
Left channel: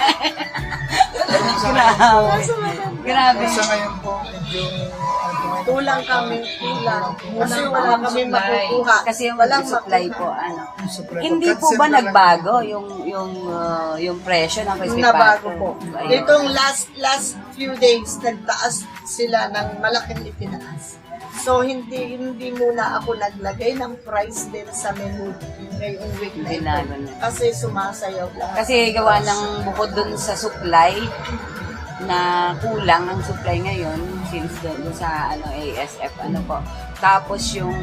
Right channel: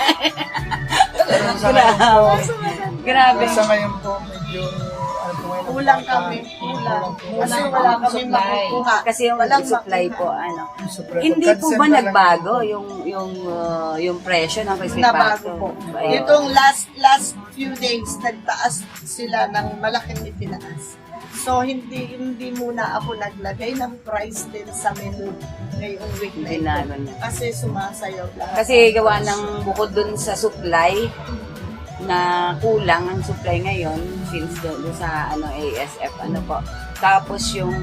Grabe. Sa ngayon po, medyo Kulang kami, kulang. Kasi Kulang wala ang kami supply. makukuha. Kasi yung Walang supply makuha. po, Hindi po ba nagbago yung presyo ng crispy Nabago pata? po. Ayun. Itong last few days, nagtaas sila ng malaking itinaas. So, hindi muna ako naglagay ng price din sa menu ngayong week na ito. Binago na. Kasi sumasayaw lahat. Kasi gawa ng bukod dun sa supply, na kulang ang supply ngayon since doon sa ASF po. Tapos yung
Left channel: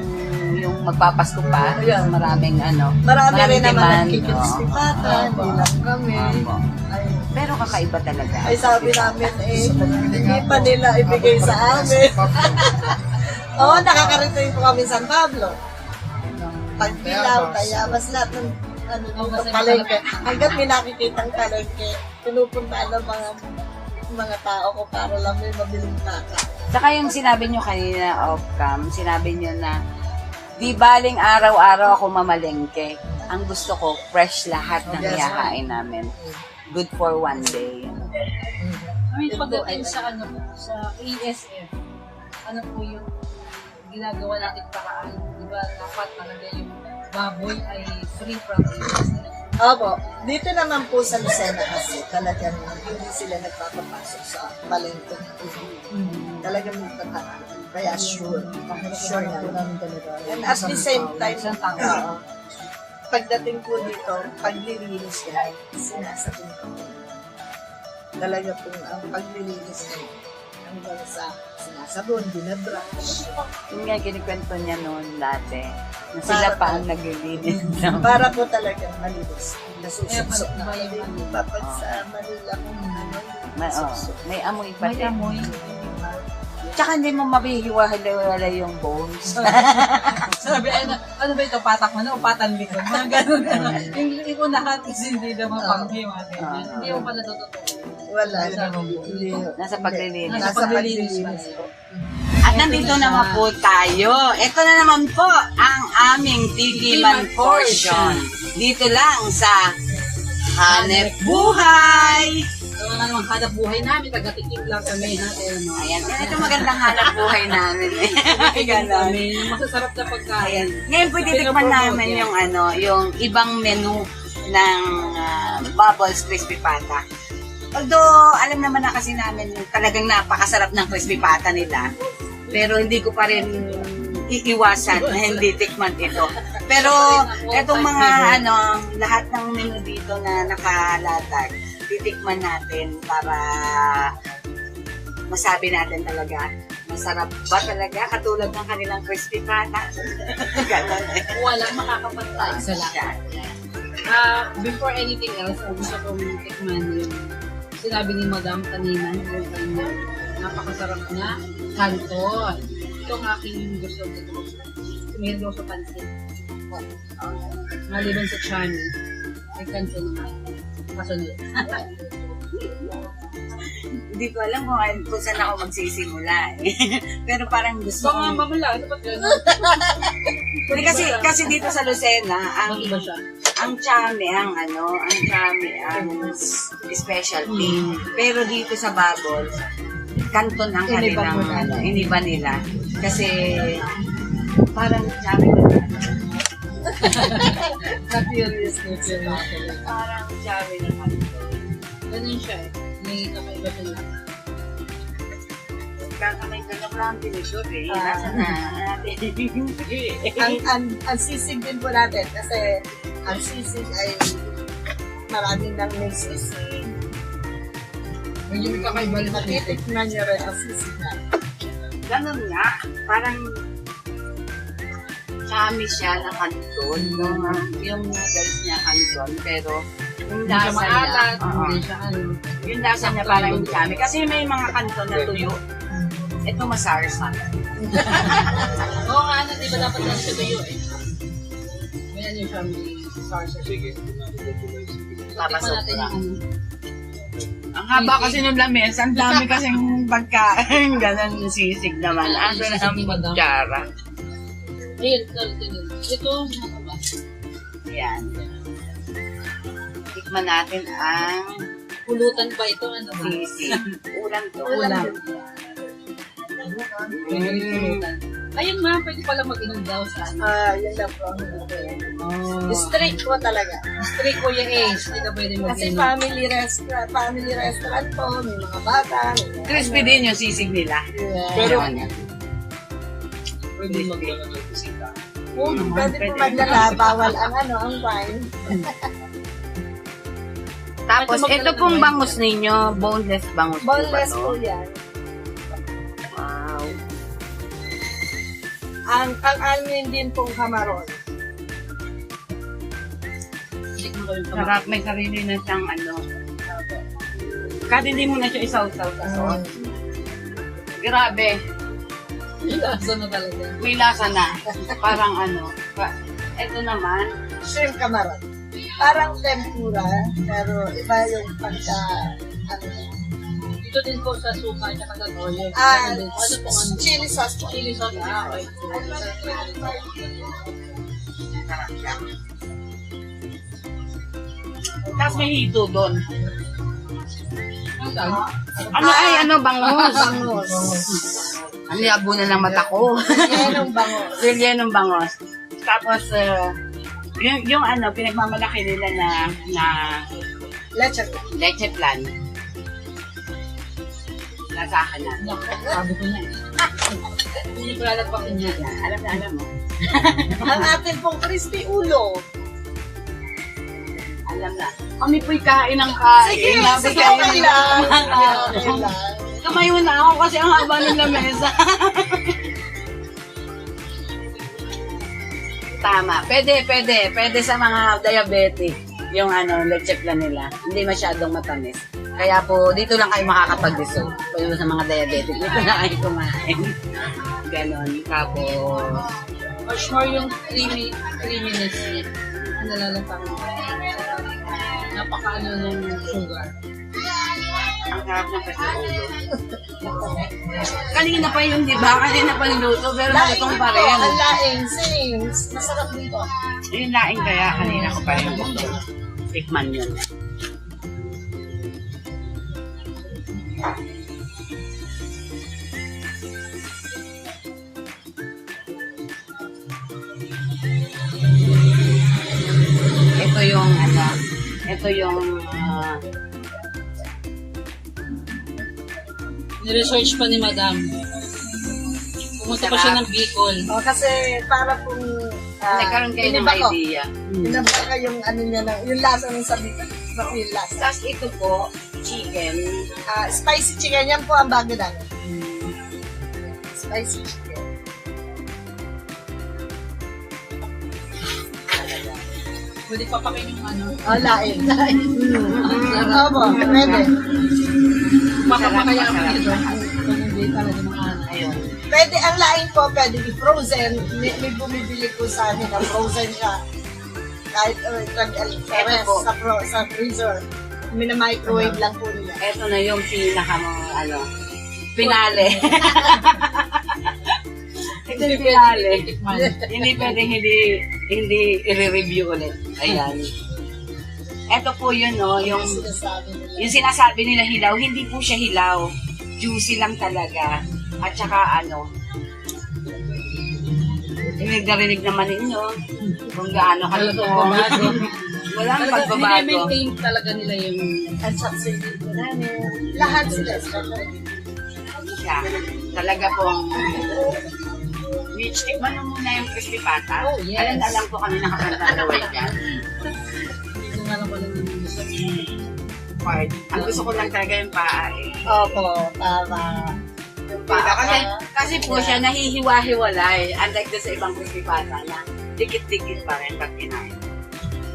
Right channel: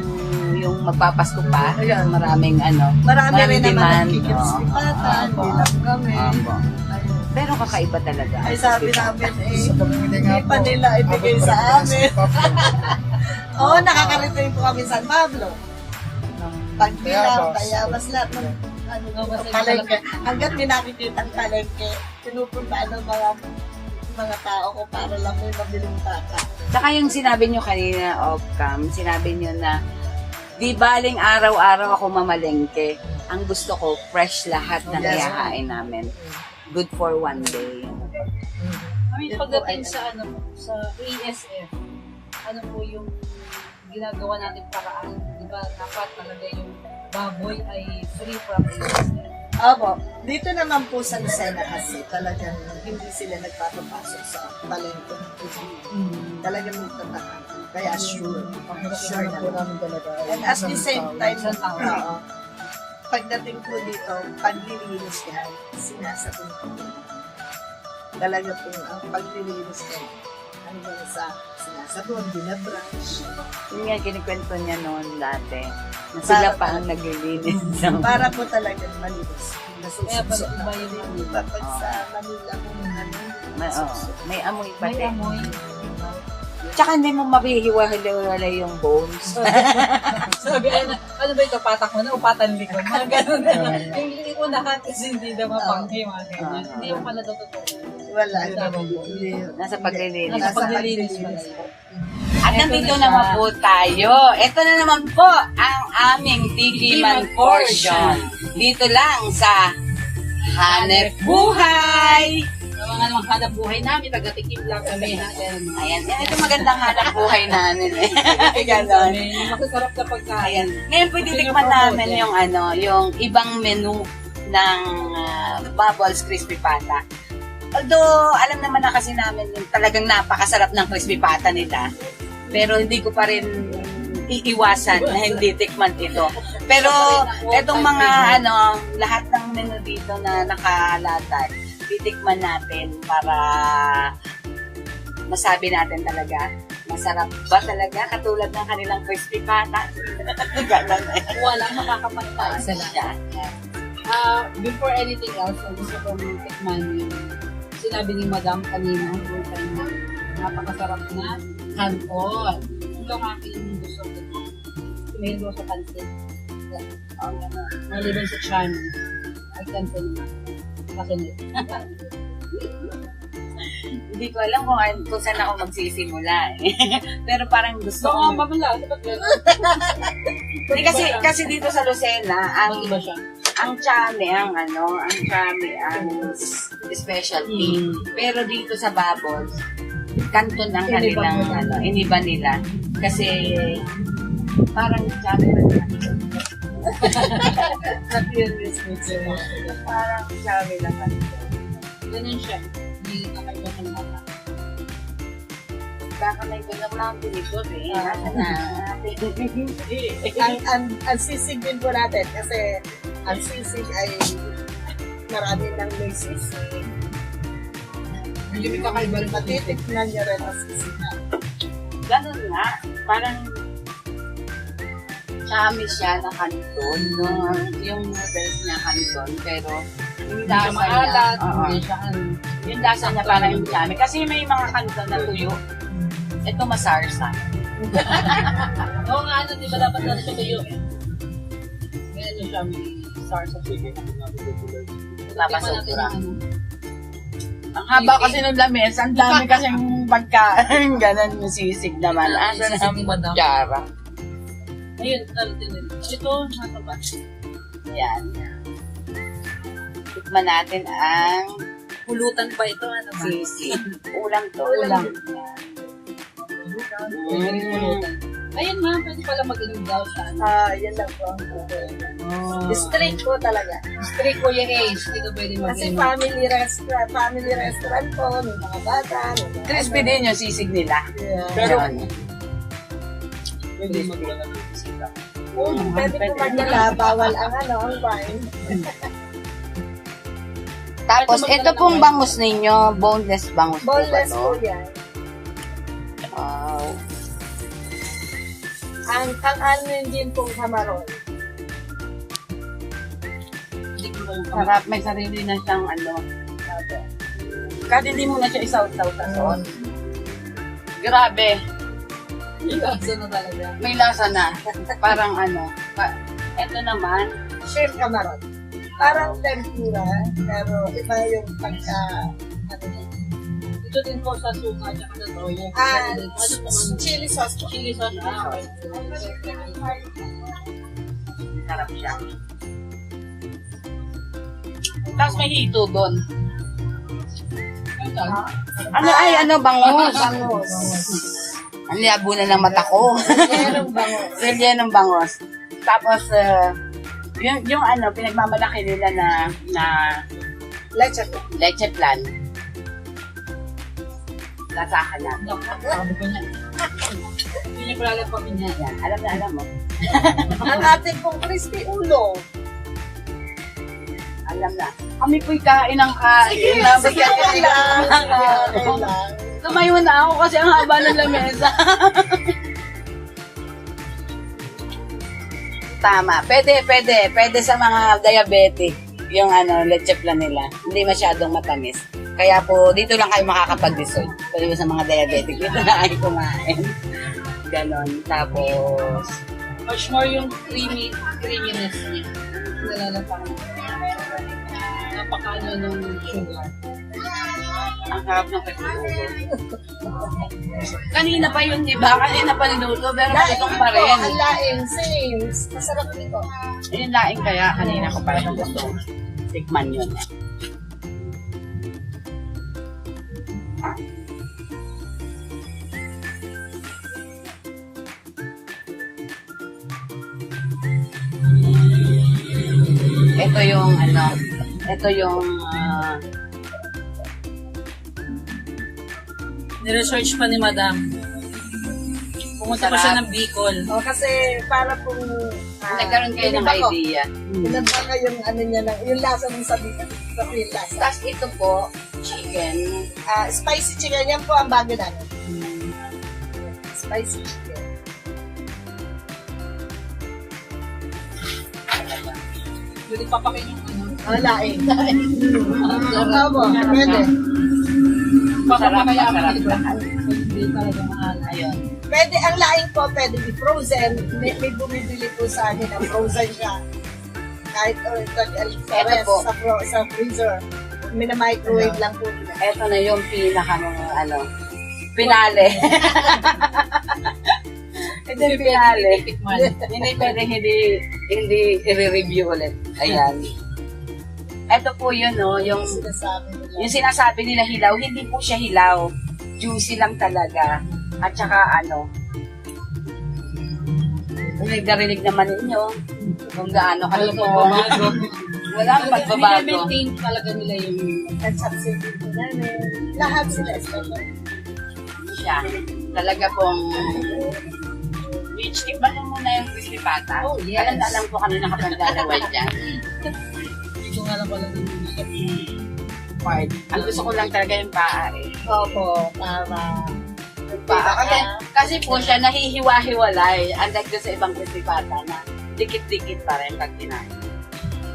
magpapasko pa, Ayan. maraming Marami rin naman demand. nagkikiris ni Pata, hindi lang kami. Opo. Ayun. Pero kakaiba talaga. Ay sabi namin Sa pamimili nga hindi pa po, nila ibigay abot sa pa rin amin. sa Pablo. Oo, nakakarating po kami San Pablo. Ng Pagbilaw, Tayabas. Tayabas, lahat ng ano, Oo, kasi palengke. Hanggat may nakikitang palengke, pinupuntaan ng mga tao ko para lang may mabiling baka. Saka yung sinabi nyo kanina off-cam, sinabi nyo na di baling araw-araw ako mamalengke. Ang gusto ko, fresh lahat ng Yes, ihahain namin. Good for one day. I mean, pagdating sa ano po, sa ASF, ano po yung ginagawa natin paraan? Di ba dapat talaga yung baboy ay free from ASF? Opo, dito naman po sa Lucena kasi talagang hindi sila nagpapapasok sa palengke. Talagang may tataan. Kaya sure. Sure Hirap po na. namin talaga. And at the same time, Isang tao. oo. Pagdating po dito, paglilinis yan, sinasabon ko po. Talaga po ang paglilinis yan. Hanggang sa sinasabon, binabrush. Yun nga, kinikwento niya noon dati. Na sila pa ang naglilinis. Para po talagang malinis. Nasusuksok na. Kaya pag- Hindi pa pag sa Manila kung ano, may, may amoy pa May din. amoy. Tsaka hindi mo mabihiwa-hiwala yung bones. Sabi, ano ba ito, patak mo na, upatan likod. Mga ganun. Yung iko na hatis, hindi na mapanggi, mga ganyan. Hindi mo pala totoo. wala. Hindi. Hindi. Nasa paglilinis. Nasa paglilinis po. At nandito naman po tayo. Ito na naman po ang aming Tikiman portion. Dito lang sa Hanep Buhay. Sa mga namang hanap buhay namin, taga-tikim lang kami natin. Ayan, ito magandang hanap buhay namin. Ganon. Yung masasarap na pagkain. Ayan. Ngayon po titikman namin yung yung ibang menu ng Bubbles Crispy Pata. Although, alam naman na kasi namin talagang napakasarap ng crispy pata nila. Pero hindi ko pa rin iiwasan na hindi tikman ito. Pero etong mga lahat ng menu dito na nakalatag, titikman natin para masabi natin talaga masarap ba talaga katulad ng kanilang crispy pata. Ganon eh. Walang makakapantay sa lahat. Before anything else, ang gusto kong tikman yung sinabi ni Madam kanina, yung kanyang napakasarap na canton. Ito ang aking gusto ko. Meron sa pansit. Maliban sa chami, ay canton na. Kasunod. Hindi ko alam kung saan ako magsisimula eh. Pero parang gusto Baka ko. mamala, dapat yun. Hindi kasi dito sa Lucena, ang Iba siya. ang chami ang specialty. Pero dito sa Bubbles, kanton ang kanilang iniba nila. Kasi parang chami na parang chami na kanton. Ganun siya eh. May kakaiba sa lata. Kakamay ko na lang tinidor eh. Nasa na. Ang sisig din po natin kasi ang sisig ay marami nang may sisig. Medyo may kakaiba rin. Matitikman niyo rin ang sisig na. Ganun nga. Parang chami siya na kanton. Yung noodles niya kanton. Pero yung Hindi siya lasa niya. maalat. Oo. Hindi siya ano. Yung lasa niya parang yung chami. Kasi may mga kanton na tuyo. Ito masarsa. Oo nga, ano, di ba dapat lang siya tuyo eh. Ganyan yung siya, may sarsa. Sige. Papasok natin lang. yung Ang haba kasi ng lamis, ang dami kasing pagkain. Ganon yung sisig naman. Asa na ang kutsara. ayun, talatin yun. Ito, nasa ba? Yan. Tikman natin ang Pulutan ba ito? Ano ba? sisig. Ulam to. Ulam. Mm. Ayun ma, pwede pala mag-inom daw sa Yun lang po. Straight po talaga. Street Kuya Ace. Hindi ka pwede Kasi mag-inom. family restaurant po, may mga bata. Crispy din yung sisig nila. Pero Yan. Pwede mag-inom. pwede po magnala, bawal ang ang wine. Tapos, ito pong bangus ninyo, boneless bangus po ba Boneless to? po yan. Wow. Ang amin din pong hamaron. Tikman ko yung Sarap, may sarili na siyang Kahit hindi mo na siya isaw-saw sa sauce. Grabe. Lasa na talaga. May lasa na. Parang ano. Ito naman. Shrimp camaron. Parang tempura, pero iba yung pagka, ano, Ito din po sa suka at sa toyo. Ano po ano? chili sauce po. Chili sauce. Okay. Sarap siya. Tapos may hito doon. Ano ay, ano, bangus. Bangus. Ang labo na ng mata ko. Yan ang bangus. Silya ng bangos. Tapos, yung ano, pinagmamalaki nila na Leche. leche plan. Nasa akin na. Sabi ko na. Hindi ko lalagpasin niya. Yan, alam mo. Ang atin pong crispy ulo. Alam na. Kami po'y kain ng kain. Sige, Sabi sige, kain okay ng lang. kain. Okay lang. Tumayo na ako kasi ang haba ng lamesa. Tama. Pwede sa mga diabetic yung ano, leche plan nila. Hindi masyadong matamis. Kaya po, dito lang kayo makakapag-dissolve. Pwede mo sa mga diabetic, dito na kayo kumain. Ganon. Tapos, Much more yung creaminess niya. Nalalata ko. Napaka-ano ng sugar. ang sarap ng festival. Kanina pa yun, di ba? Kanina pa niluto, pero nalutong pa rin. Ang laing, same. Masarap dito. Yung laing kaya kanina ko parang gusto. Tikman yun. Ito yung ano, ito yung Niresearch pa ni Madam. Pumunta pa siya ng Bicol. O, kasi para kung nagkaroon kayo ng iniba ko. idea. Inaba ka yung ano niya na, yung lasa ng sabi ko. Yung lasa. Tapos ito po, chicken. Spicy chicken, yan po ang bago natin. Spicy chicken. Pwede pa pa yung ano. Laing. Ang sarap. Opo, pwede. Papamakaya ako Masarap nito. lahat. Ayun. Pwede, ang laing po, pwede i-frozen. May bumibili po sa amin ang frozen siya. Kahit sa freezer. Mina-microwave lang po niya. Ito na yung pinaka ano, pinale. Ito yung pinale. Hindi pwede hindi i-review ulit. Ayan. Ito po yun, no, yung sinasabi nila hilaw, hindi po siya hilaw. Juicy lang talaga. At saka ano, narinig naman ninyo kung gaano kalutong. Walang pagbabago. I-maintain talaga nila yung At saka sila namin. Lahat sila. Siya. Talaga pong Mitch, tikman mo muna yung crispy pata. Oh, yes. Alam po kami nakapagdalaway dyan. hindi nga lang pala ng gusto. Part. Ang gusto ko lang talaga yung paa eh. Opo, para Paa. Kasi po siya nahihiwa-hiwalay. Unlike doon sa ibang crispy pata na dikit-dikit pa rin pag kinain.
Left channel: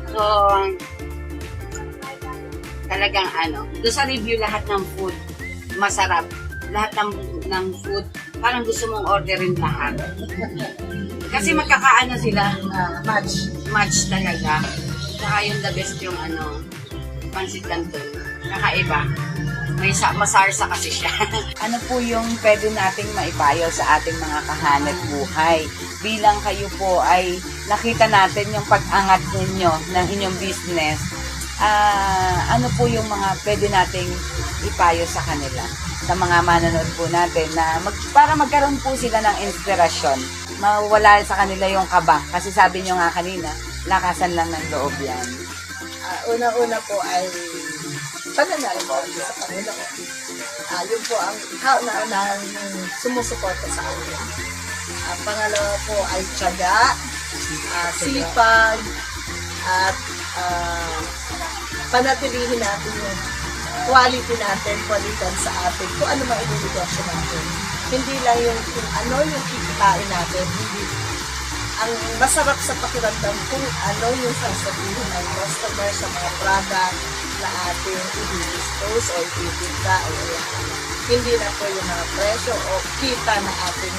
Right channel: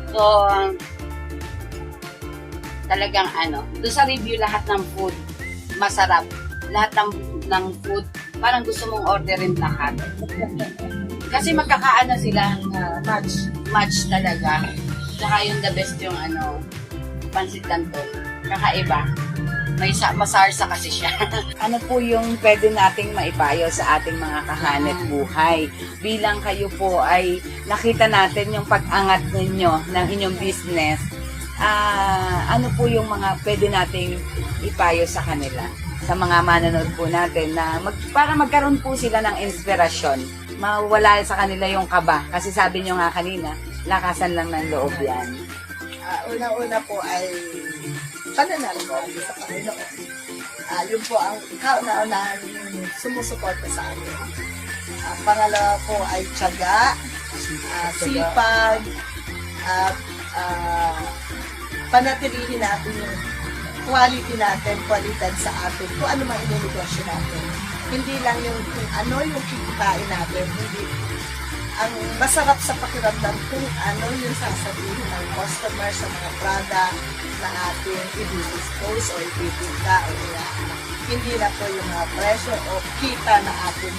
So, talagang ano, doon sa review lahat ng food, masarap. Lahat ng food, parang gusto mong orderin lahat. Kasi magkakaano sila, match talaga. Saka yung the best yung ano, pansit canton. Kakaiba. May masarsa kasi siya. Ano po yung pwede nating maipayo sa ating mga kahanap buhay? Bilang kayo po ay nakita natin yung pag-angat ninyo ng inyong business. Ano po yung mga pwede nating ipayo sa kanila? Sa mga manonood po natin na para magkaroon po sila ng inspirasyon. Mawala sa kanila yung kaba. Kasi sabi nyo nga kanina, lakasan lang ng loob yan. una-una po ay pananalig po sa Panginoon. Yun po ang kauna-unahan sumusuporta sa amin. Pangalawa po ay tiyaga, sipag, at panatilihin natin yung quality natin, kwalidad sa atin, kung ano mang inunegosyo natin. Hindi lang yung kung ano yung kikitain natin, hindi ang masarap sa pakiramdam kung ano yung sasabihin ng customer sa mga product, na ating i-dispose o ititinda o kaya hindi na po yung mga presyo o kita na ating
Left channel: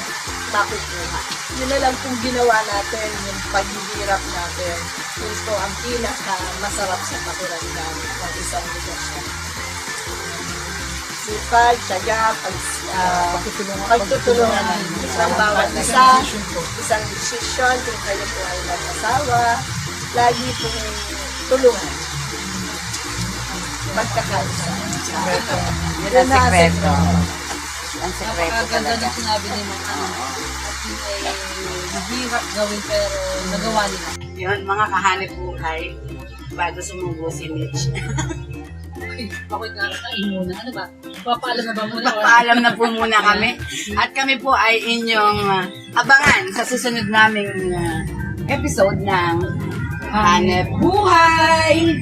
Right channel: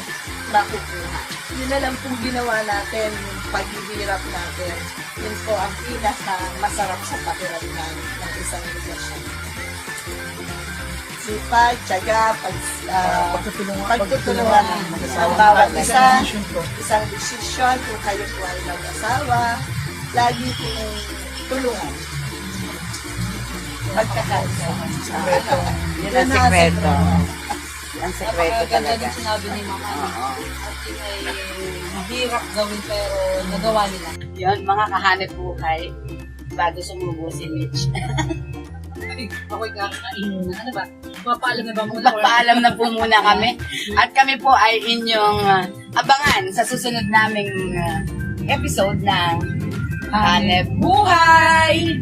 makukuha. Yun na lang pong ginawa natin, yung paghihirap natin. Yun po ang pinaka masarap sa pakiramdam ng isang negosyo. Sipag, tiyaga, pagtutulungan ng bawat isa, isang desisyon kung kayo po ay mag-asawa, lagi po kayong tulungan. Pagkakaisa. Yun ang sekreto. Ang sekreto Napakaganda talaga. ng sinabi ni Ma'am Ana. Oo. At yun ay mahirap gawin pero nagawa nila. Yun, mga kahanip buhay, bago sumubo si Mitch. Ako'y kakain muna. Ano ba? Papaalam na ba muna? Magpaalam na po muna kami. At kami po ay inyong abangan sa susunod naming episode ng Hanep Buhay!